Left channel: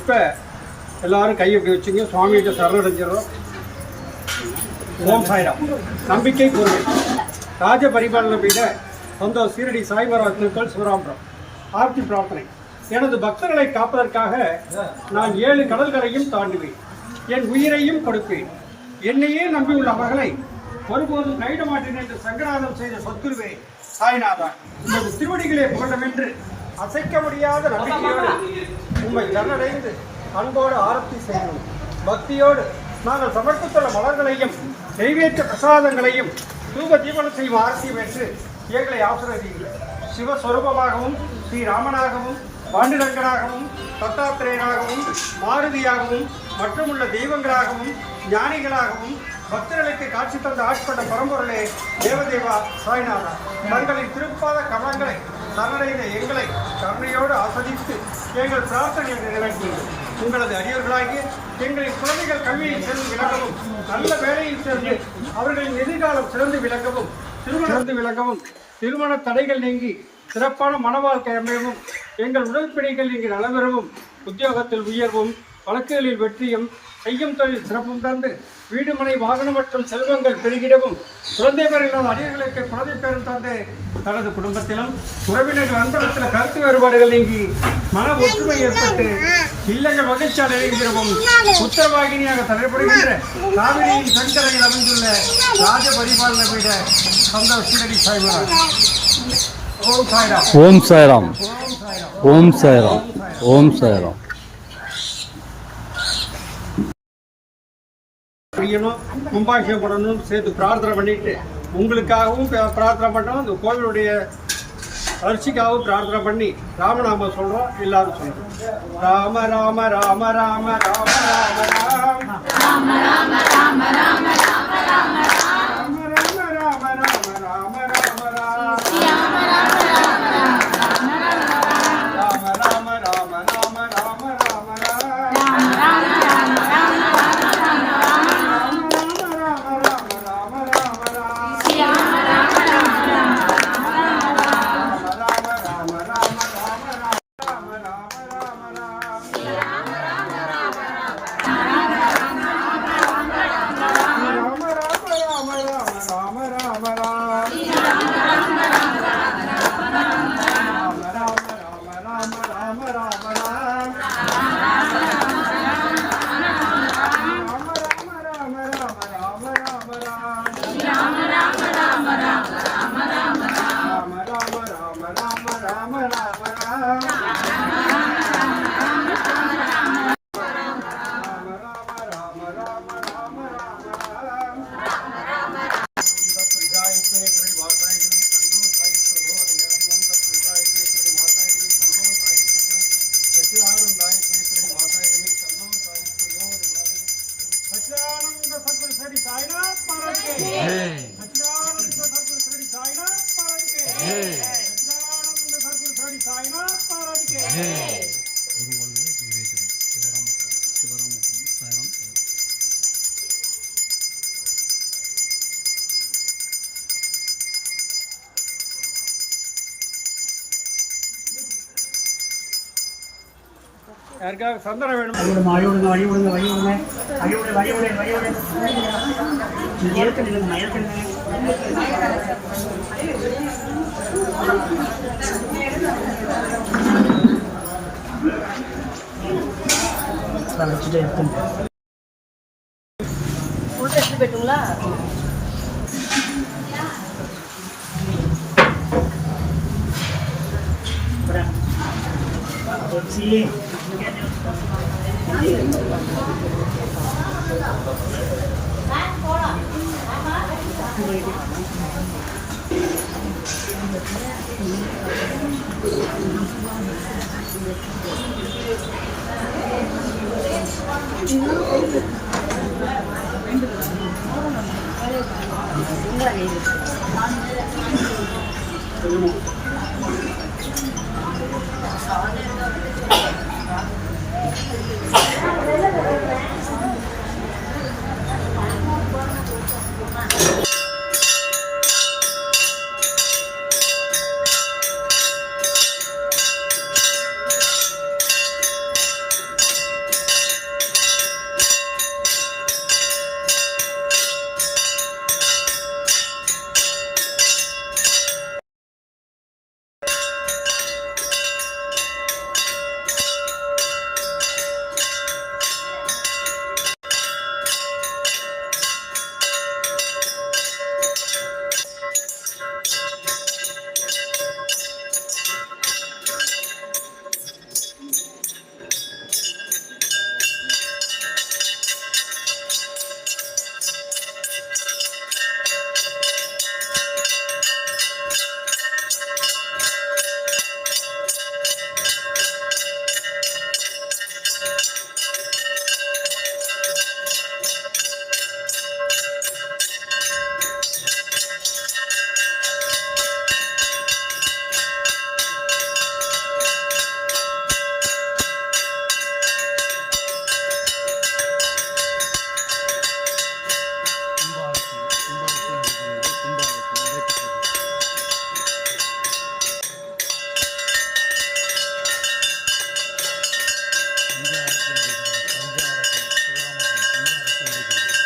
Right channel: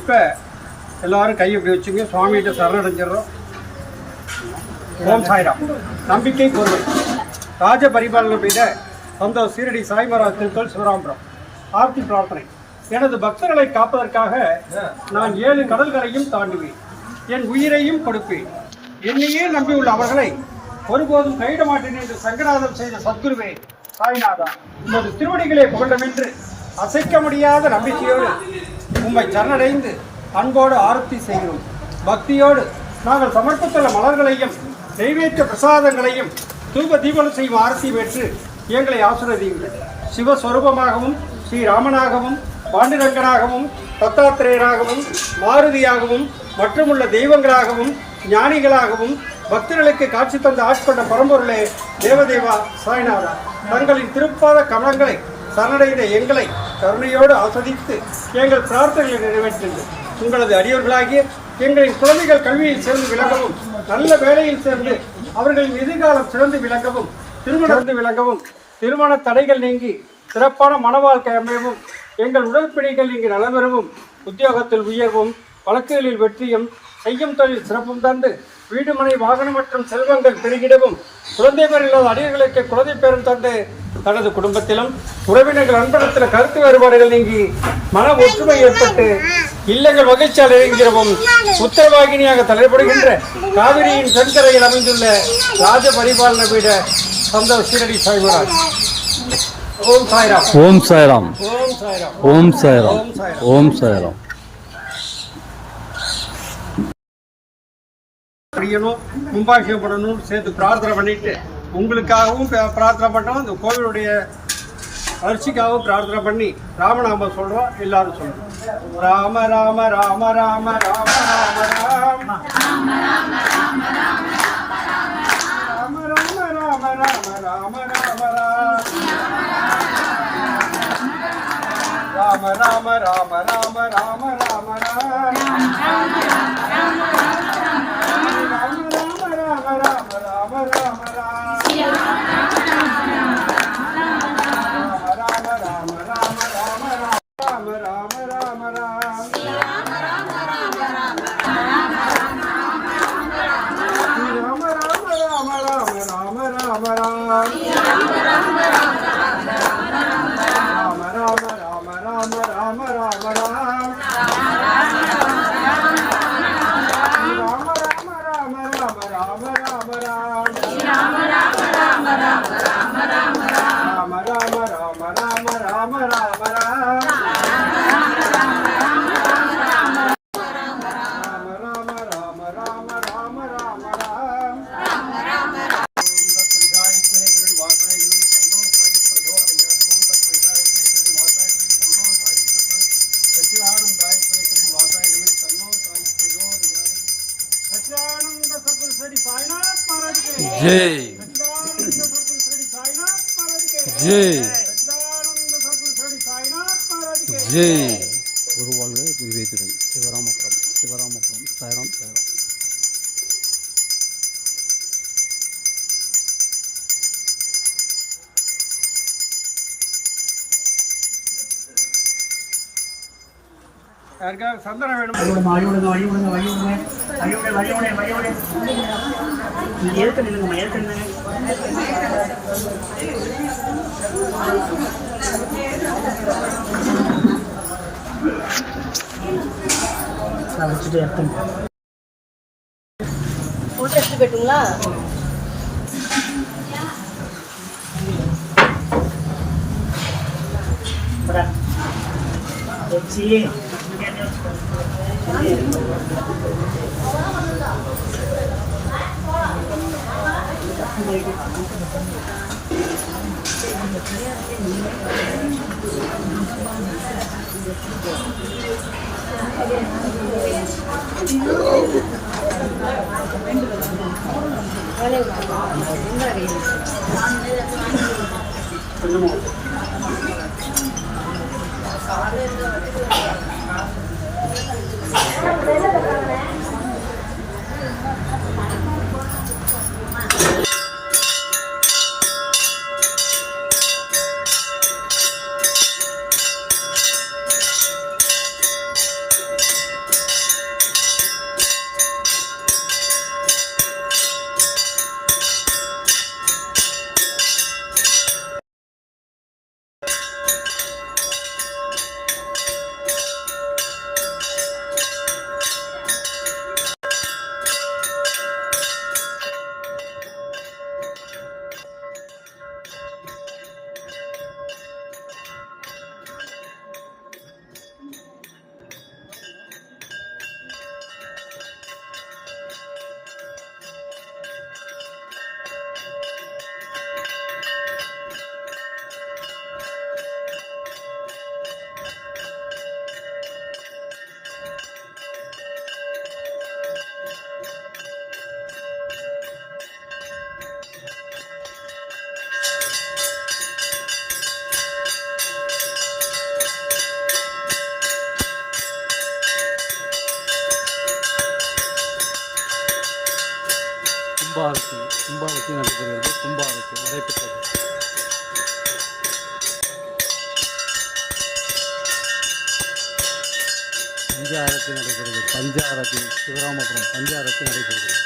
இப்போ எல்லாரும் கையை இப்படி வச்சுங்க. சுவாமிகிட்ட சரணடைஞ்சிடறோம். ஓம் சாய்ராம். நம்பிக்கை பொறுமை. ராஜ பரிபாலனை செய்த சொந்த சீரடி சாய்மராஜ் திருக்கோள் சிவராமபுரம். ஆர்த்தி பிரார்த்தனை. எனது பக்தர்களை காப்பதற்காக நான் 7 கடல்களையும் தாண்டுவேன். என் உயிரையும் கொடுப்பேன். என்னையே நம்பியுள்ள அவர்களை ஒருபோதும் கைவிட மாட்டேன் என்று சங்கராதம் செய்த சத்குருவே சாய்நாதா, உமது திருவடிகளை புகழமென்று அசைக்க முடியாத நம்பிக்கையோடு உம்மை சரணடைந்து அன்போடு ஆரத்தி செய்கிறோம். பக்தியோடு நாங்கள் சமர்ப்பித்துள்ள மலர்களையும் நெய்வேற்ற பிரசாதங்களையும் தூப தீபம் செய்யும் ஆரத்தி பெற்று எங்களை ஆசீர்வதிங்கள். சிவஸ்வரூபமாகவும் ஸ்ரீராமனாகவும் பாண்டுரங்கனாகவும் தத்தாத்திரேயராகவும் மாருதியாகவும் மற்றுமுள்ள தெய்வங்களாகவும் ஞானிகளாகவும் பக்தர்களுக்கு காட்சி தந்த ஆட்கொண்ட பரம்பொருளே தேவதேவா சாய்நாதா, தங்களின் திருப்பாத கமலங்களை சரணடைந்த எங்களை கருணையோடு ஆஸ்வதித்து எங்கள் பிரார்த்தனைகளை நிறைவேற்றுங்கள். உங்களது அடியவர்களாகிய எங்களின் குழந்தைகள் கல்வியில் சேர்ந்து விளங்கவும், நல்ல வேலையில் சேர்ந்து அவர்களின் எதிர்காலம் சிறந்து விளங்கவும், திருமண தடைகள் நீங்கி சிறப்பான மன வாழ்க்கை அமையவும், எங்கள் உடற்பிணைகள் நீங்கி நலம் பெறவும், உத்தியோகத்தில் உயர்வும், வழக்குகளில் வெற்றியும், செய்யும் தொழில் சிறப்பும் தந்து வீடுமனை வாகனம் மற்றும் செல்வங்கள் பெருகிடவும், குழந்தை இல்லாத அடியர்களுக்கு குழந்தை பேரும் தந்து தனது குடும்பத்திலும் உறவினர்கள் அன்படத்தில் கருத்து வேறுபாடுகள் நீங்கி மன ஒற்றுமை ஏற்பட்டு இல்லங்கள் மகிழ்ச்சியால் இறங்குகிறவும், உத்தரவாகினியாக தலைப்படுகின்ற காவிரியின் தென்கரையில் அமைந்துள்ள ராஜ பரிபாலனை பீட சொந்த சீரடி சாய்மராஜ். ஓம் சாய்ராம். ஓம் சாய்ராம். ஓம் சாய்ராம். ஓம் சாய்ராம். கும்பாபிஷேகம் பண்ணணும்னு சேர்த்து பிரார்த்தனை பண்ணிட்டு உங்களுக்காகவும் பிரார்த்தனை பண்ணோம். இந்த கோவிலுடைய வளர்ச்சிக்காகவும் பிரார்த்தனை பண்ணி ராமநாமம் சொல்றோம். எல்லாரும் சொல்றோம். ராம ராம ராம ராம ராம ராம ராம ராம ராம ராம ராம ராம குருவாழ்க குருவேத்திரம். சிவராமபுரம். சிவராமபுரம். சாய்ராம். சாய்ராம். யாருக்காவது சந்தனம் வேணும்? வழி விடுங்க, வழி விடுங்க, வழி விடுங்க, வழி விடு, வழி விடு, வழி விடு. நீங்க ஏற்க நில்லுங்கம்மா, ஏற்க நில்லுங்க. வச்சுட்டு எடுத்துங்க. போயிட்டுங்களா? வச்சு கும்பாரத்தி நடைபெறுகிறது. கும்பாரத்தி நடைபெற்றது. பஞ்சாரத்தி நடைபெறுகிறது. பஞ்சாரத்தி சிவராமபுரம் பஞ்சாரத்தி நடைபெறுகிறது.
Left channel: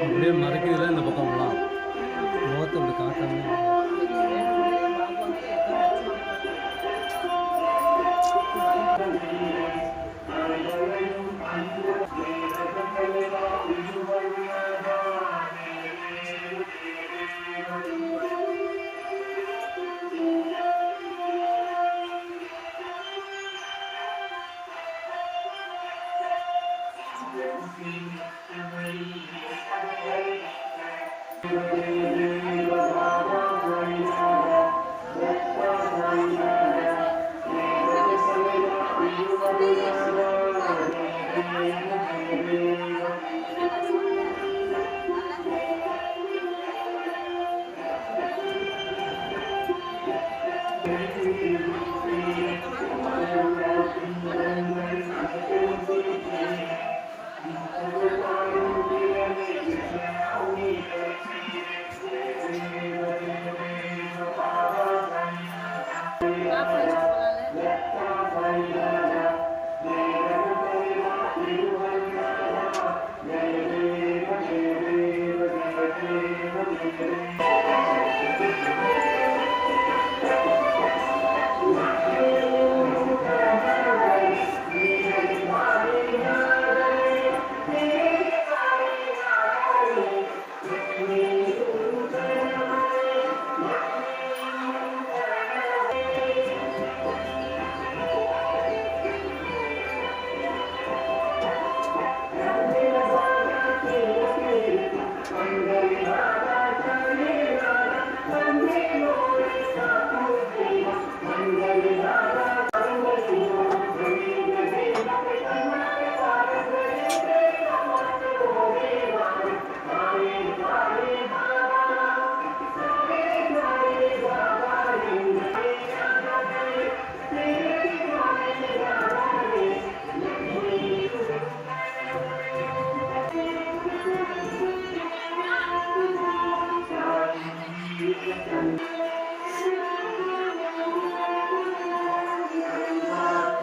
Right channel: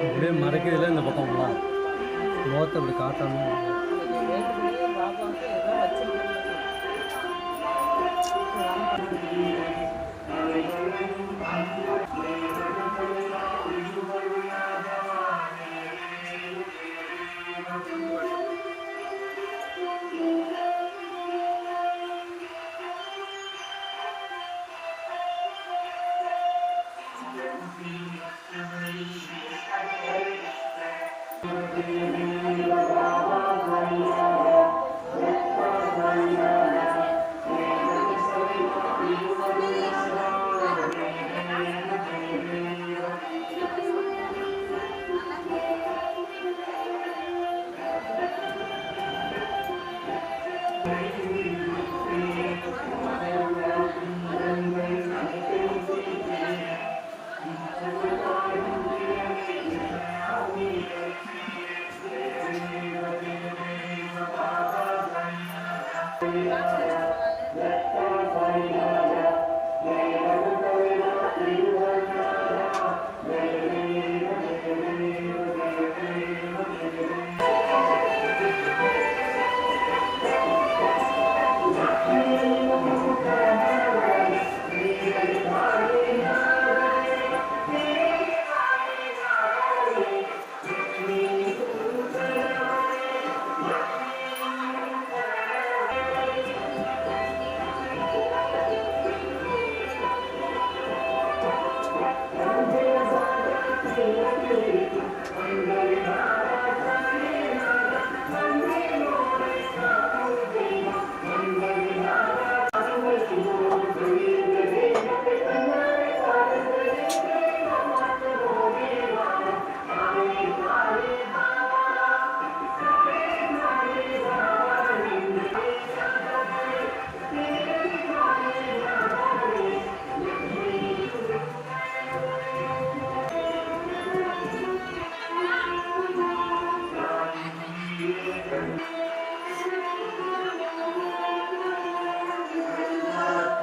அப்படியே மறைக்கிறதுல இந்த பக்கம்லாம் முகத்தை அப்படி காட்டாம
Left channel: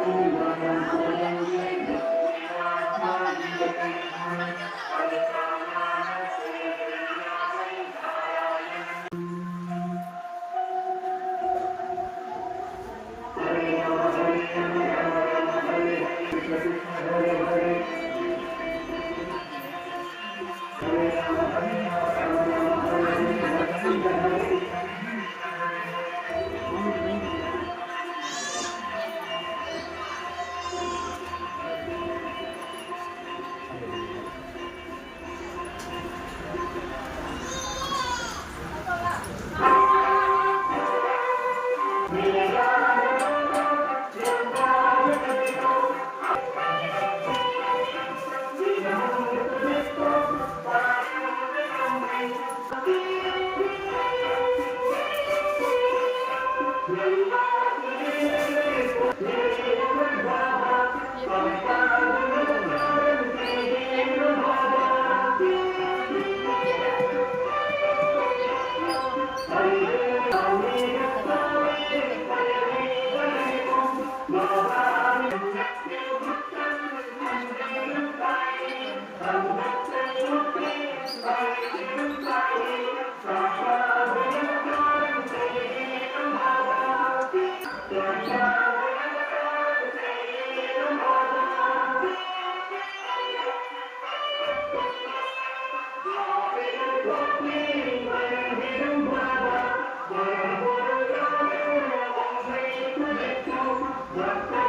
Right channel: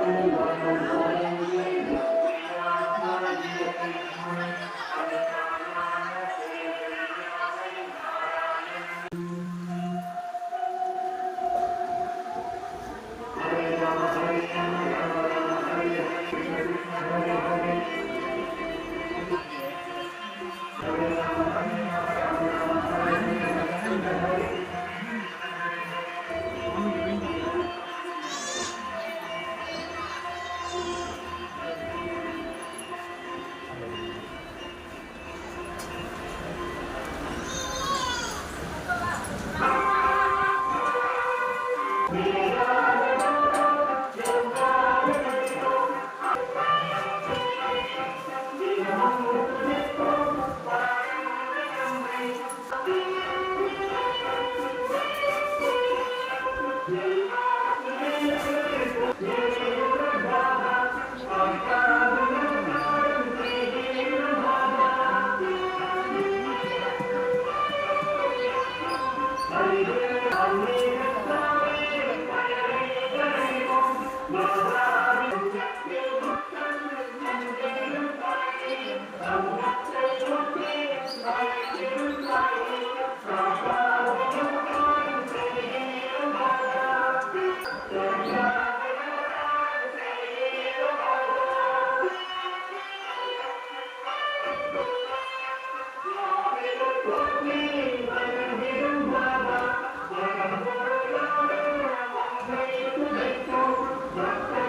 Thank you.